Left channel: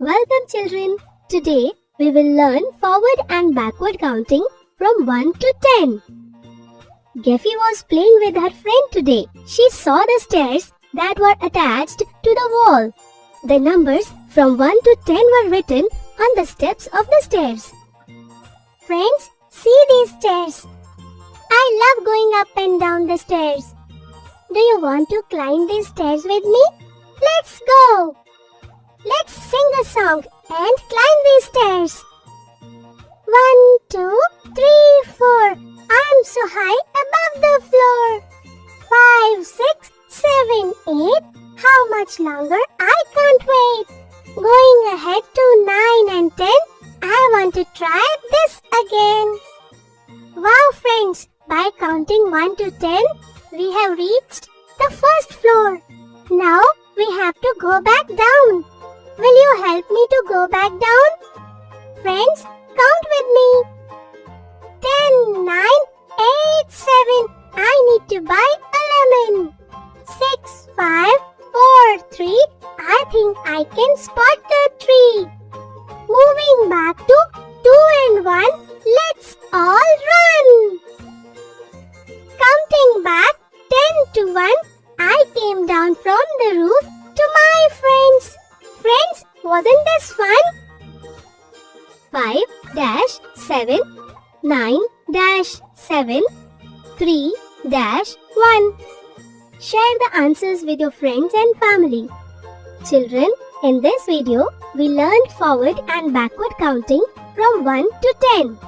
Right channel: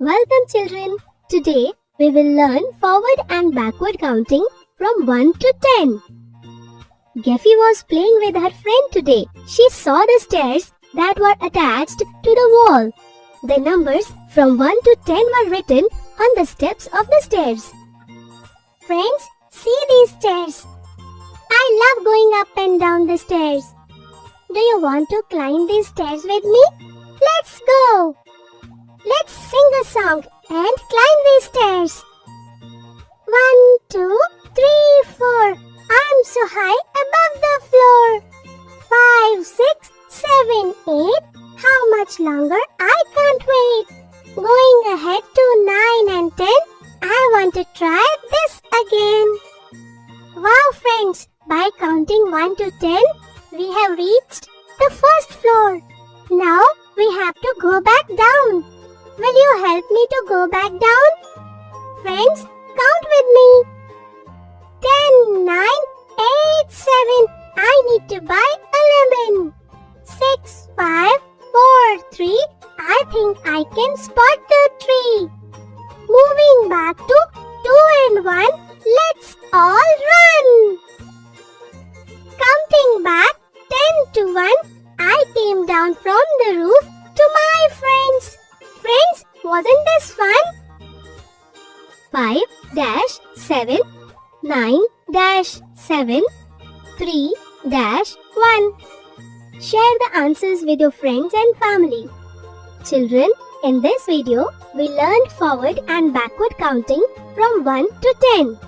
Welcome children. Today we will learn forward and backward counting from 1 to 10. Geffy was playing with her friend today. She saw the stairs that were attached to the wall. The numbers from 1 to 10 were written on the steps of the stairs. Friends, see these stairs. I love going up and down the stairs. Do you want to climb these stairs with me? Let's go! Let's sing a song and climb these stairs. 1, 2, 3, 4. I'm so high above the floor. 5, 6, 7, 8. How much longer? I can't wait. Going ahead to 9 and 10. I want to try this again. Wow friends, by counting 1 to 10, we have reached the first floor. Now we have to go back down. Will you help me to go back down? Friends, count with me. 10, 9, 8, 7. I need to buy a lemon. 6, 5, 4, 3. I think I can spot the tree. Moving back to 2 and 1. Let's all run. Counting back 10 to 1. I came down from the roof to my friends. Friends, wasn't this fun? 5 7 9 7 3 1. Share the answers with your friends and family. Children, in this video, we learned forward and backward counting from 1 to 10.